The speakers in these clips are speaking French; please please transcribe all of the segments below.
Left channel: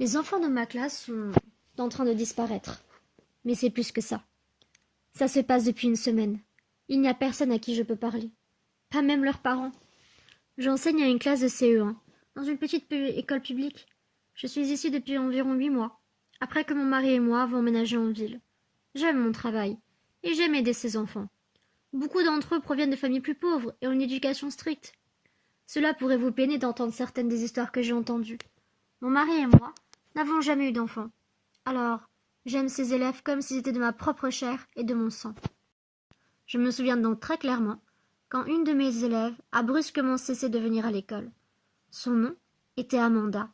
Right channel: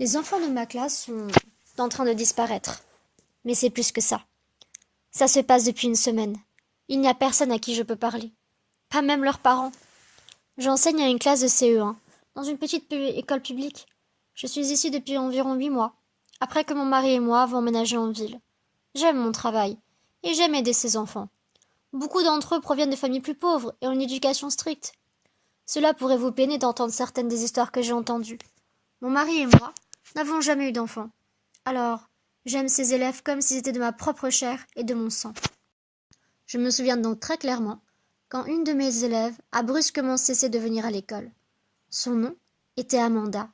Les enfants de ma classe sont en train de disparaître. Mais c'est plus que ça. Ça se passe depuis une semaine. Il n'y a personne à qui je peux parler. Pas même leurs parents. J'enseigne à une classe de CE1, dans une petite école publique. Je suis ici depuis environ 8 mois, après que mon mari et moi avons emménagé en ville. J'aime mon travail, et j'aime aider ces enfants. Beaucoup d'entre eux proviennent de familles plus pauvres et ont une éducation stricte. Cela pourrait vous peiner d'entendre certaines des histoires que j'ai entendues. Mon mari et moi n'avons jamais eu d'enfants. Alors, j'aime ces élèves comme s'ils étaient de ma propre chair et de mon sang. Je me souviens donc très clairement quand une de mes élèves a brusquement cessé de venir à l'école. Son nom était Amanda.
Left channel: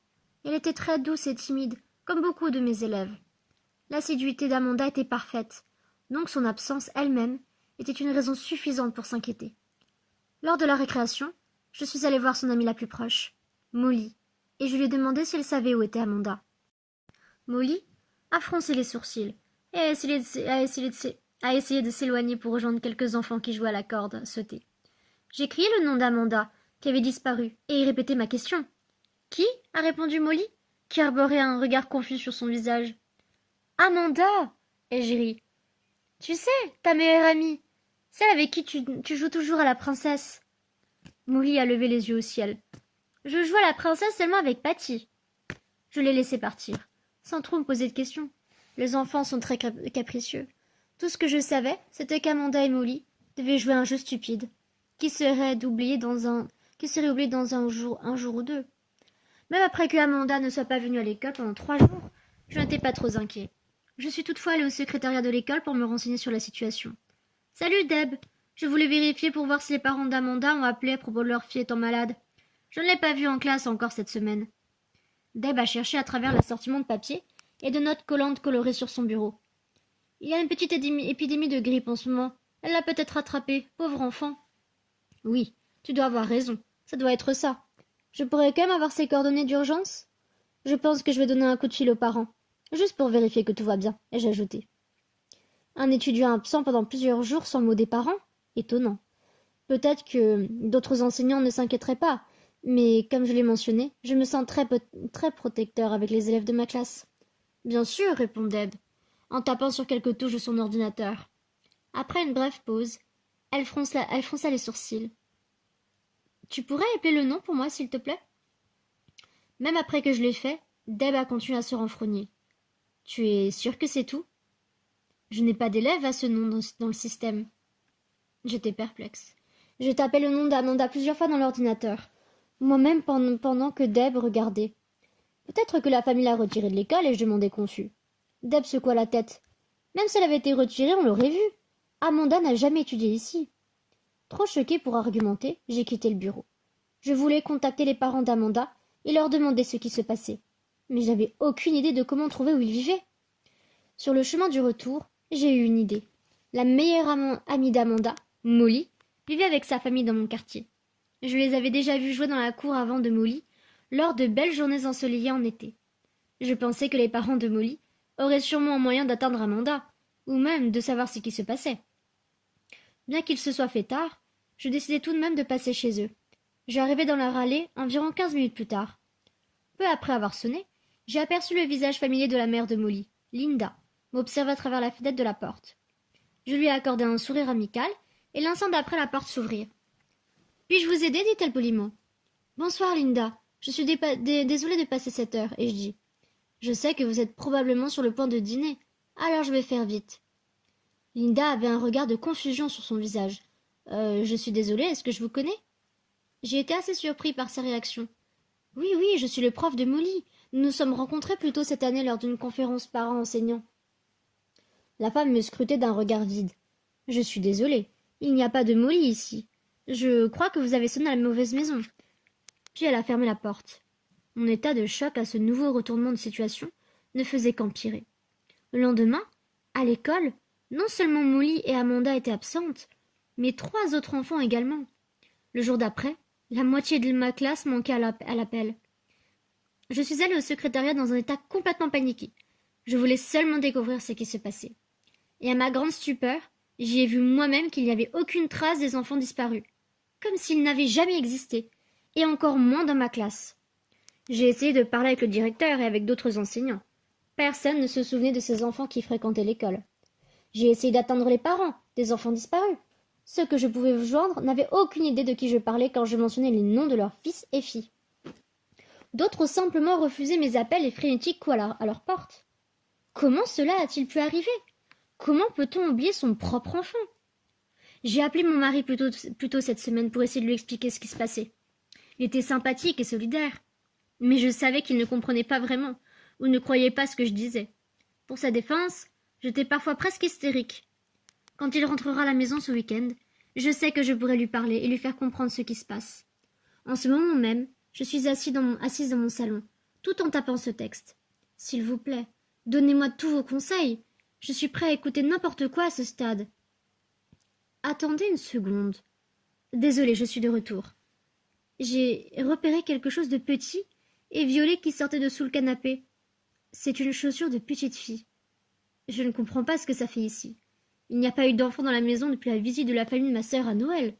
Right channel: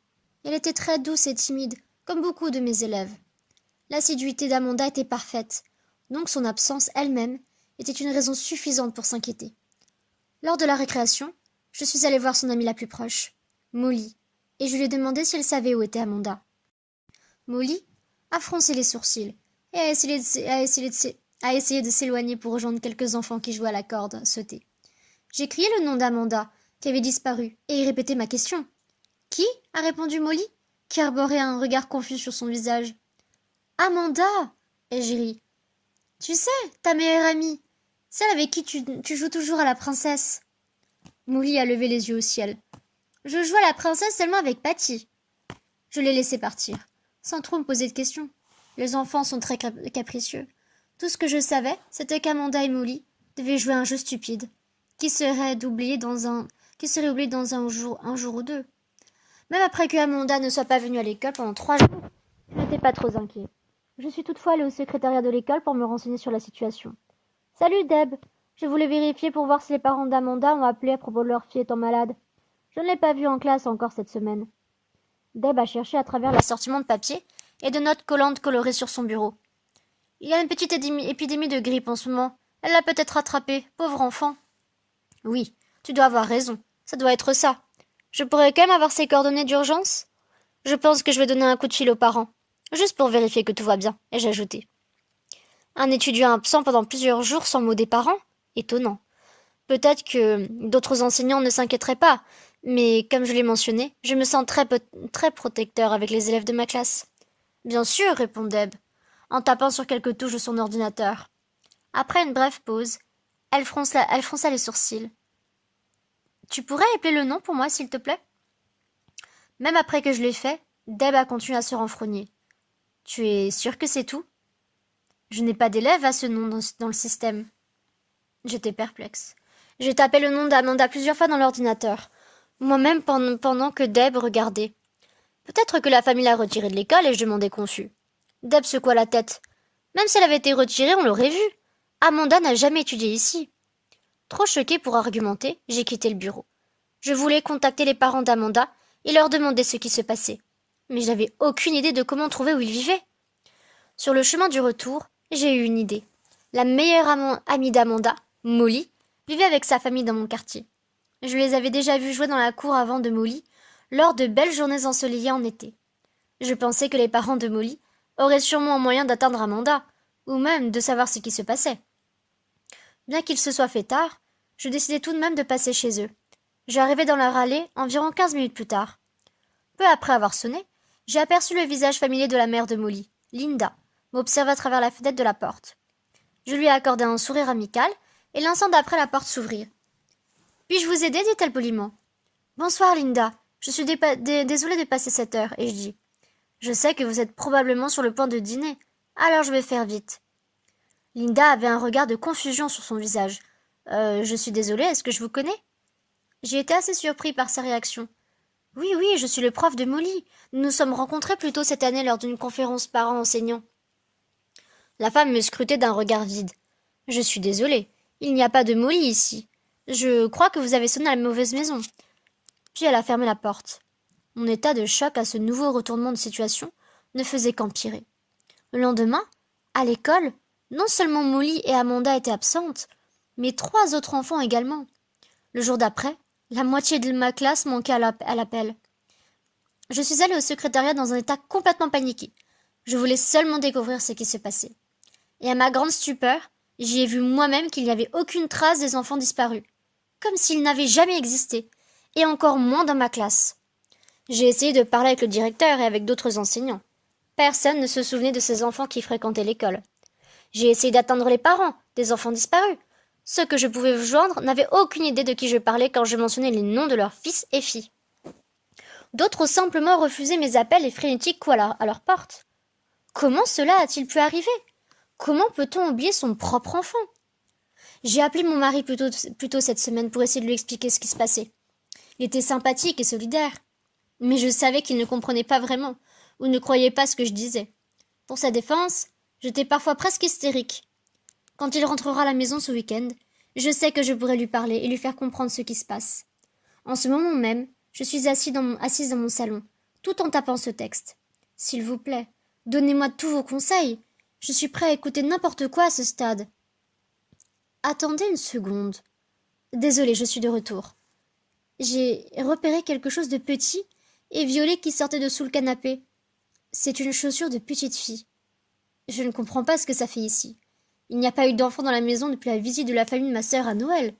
Elle était très douce et timide, comme beaucoup de mes élèves. L'assiduité d'Amanda était parfaite, donc son absence elle-même était une raison suffisante pour s'inquiéter. Lors de la récréation, je suis allée voir son amie la plus proche, Molly, et je lui ai demandé si elle savait où était Amanda. Molly a froncé les sourcils et a essayé de s'éloigner pour rejoindre quelques enfants qui jouaient à la corde sautée. J'ai crié le nom d'Amanda, qui avait disparu, et y répété ma question. « Qui ?» a répondu Molly, qui arborait un regard confus sur son visage. « Amanda !» et j'ai ri. « Tu sais, ta meilleure amie, celle avec qui tu joues toujours à la princesse. » Molly a levé les yeux au ciel. « Je joue à la princesse seulement avec Patty. » Je l'ai laissé partir, sans trop me poser de questions. Les enfants sont très capricieux. Tout ce que je savais, c'était qu'Amanda et Molly devaient jouer un jeu stupide, qui serait oublié dans un jour ou deux. Même après que Amanda ne soit pas venue à l'école pendant 3 jours, je n'étais pas trop inquiet. Je suis toutefois allée au secrétariat de l'école pour me renseigner sur la situation. « Salut Deb, je voulais vérifier pour voir si les parents d'Amanda ont appelé à propos de leur fille étant malade. Je ne l'ai pas vue en classe encore cette semaine. » Deb a cherché à travers l'assortiment de papier et de notes collantes colorées sur son bureau. « Il y a une petite épidémie de grippe en ce moment. Elle l'a peut-être attrapée, pauvre enfant. » Oui, tu dois avoir raison. Ça doit être ça. Je pourrais quand même avoir ses coordonnées d'urgence? Je pense que je vais donner un coup de fil aux parents, juste pour vérifier que tout va bien, ai-je ajouté. Un étudiant absent pendant plusieurs jours sans mot des parents? Étonnant. Peut-être que d'autres enseignants ne s'inquiéteraient pas, mais comme je l'ai mentionné, je me sens très protecteur avec les élèves de ma classe. Bien sûr, répond Deb, en tapant sur quelques touches de son ordinateur. Après une brève pause, elle fronça les sourcils. « Tu pourrais appeler le nom pour moi, s'il te plaît ?» Même après que je l'ai fait, Deb a continué à se renfrogner. « Tu es sûr que c'est tout ?» Je n'ai pas d'élève à ce nom dans le système. J'étais perplexe. J'ai tapé le nom d'Amanda plusieurs fois dans l'ordinateur, moi-même pendant que Deb regardait. Peut-être que la famille l'a retirée de l'école et je demandais confus. Deb secoua la tête. Même si elle avait été retirée, on l'aurait vue. Amanda n'a jamais étudié ici. Trop choquée pour argumenter, j'ai quitté le bureau. Je voulais contacter les parents d'Amanda et leur demander ce qui se passait. Mais je n'avais aucune idée de comment trouver où ils vivaient. Sur le chemin du retour, j'ai eu une idée. La meilleure amie d'Amanda, Molly, vivait avec sa famille dans mon quartier. Je les avais déjà vus jouer dans la cour avant de Molly, lors de belles journées ensoleillées en été. Je pensais que les parents de Molly auraient sûrement un moyen d'atteindre Amanda, ou même de savoir ce qui se passait. Bien qu'il se soit fait tard, je décidai tout de même de passer chez eux. J'arrivai dans leur allée environ 15 minutes plus tard. Peu après avoir sonné, j'ai aperçu le visage familier de la mère de Molly, Linda, m'observer à travers la fenêtre de la porte. Je lui ai accordé un sourire amical, et l'instant d'après la porte s'ouvrit. « Puis-je vous aider ?» dit-elle poliment. « Bonsoir, Linda. Je suis désolée de passer cette heure, » ai-je dit. « Je sais que vous êtes probablement sur le point de dîner, alors je vais faire vite. » Linda avait un regard de confusion sur son visage. « Je suis désolée, est-ce que je vous connais ?» J'ai été assez surpris par sa réaction. « Oui, je suis le prof de Molly. Nous nous sommes rencontrés plus tôt cette année lors d'une conférence parents-enseignants. » La femme me scrutait d'un regard vide. « Je suis désolée, il n'y a pas de Molly ici. Je crois que vous avez sonné à la mauvaise maison. » Puis elle a fermé la porte. Mon état de choc à ce nouveau retournement de situation ne faisait qu'empirer. Le lendemain, à l'école, non seulement Molly et Amanda étaient absentes, mais 3 autres enfants également. Le jour d'après, la moitié de ma classe manquait à l'appel. Je suis allée au secrétariat dans un état complètement paniqué. Je voulais seulement découvrir ce qui se passait. Et à ma grande stupeur, j'y ai vu moi-même qu'il n'y avait aucune trace des enfants disparus, comme s'ils n'avaient jamais existé, et encore moins dans ma classe. J'ai essayé de parler avec le directeur et avec d'autres enseignants. Personne ne se souvenait de ces enfants qui fréquentaient l'école. J'ai essayé d'atteindre les parents des enfants disparus. Ceux que je pouvais joindre n'avaient aucune idée de qui je parlais quand je mentionnais les noms de leurs fils et filles. D'autres ont simplement refusé mes appels et frénétiques coups à leur porte. Comment cela a-t-il pu arriver? Comment peut-on oublier son propre enfant? J'ai appelé mon mari plus tôt cette semaine pour essayer de lui expliquer ce qui se passait. Il était sympathique et solidaire, mais je savais qu'il ne comprenait pas vraiment ou ne croyait pas ce que je disais. Pour sa défense, j'étais parfois presque hystérique. Quand il rentrera à la maison ce week-end, je sais que je pourrai lui parler et lui faire comprendre ce qui se passe. En ce moment même, je suis assise dans mon salon, tout en tapant ce texte. S'il vous plaît, donnez-moi tous vos conseils. Je suis prêt à écouter n'importe quoi à ce stade. Attendez une seconde. Désolée, je suis de retour. J'ai repéré quelque chose de petit et violet qui sortait de sous le canapé. C'est une chaussure de petite fille. Je ne comprends pas ce que ça fait ici. Il n'y a pas eu d'enfant dans la maison depuis la visite de la famille de ma sœur à Noël.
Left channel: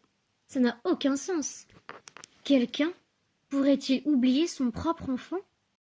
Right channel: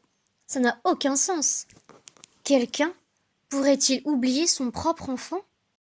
Ça n'a aucun sens. Quelqu'un pourrait-il oublier son propre enfant?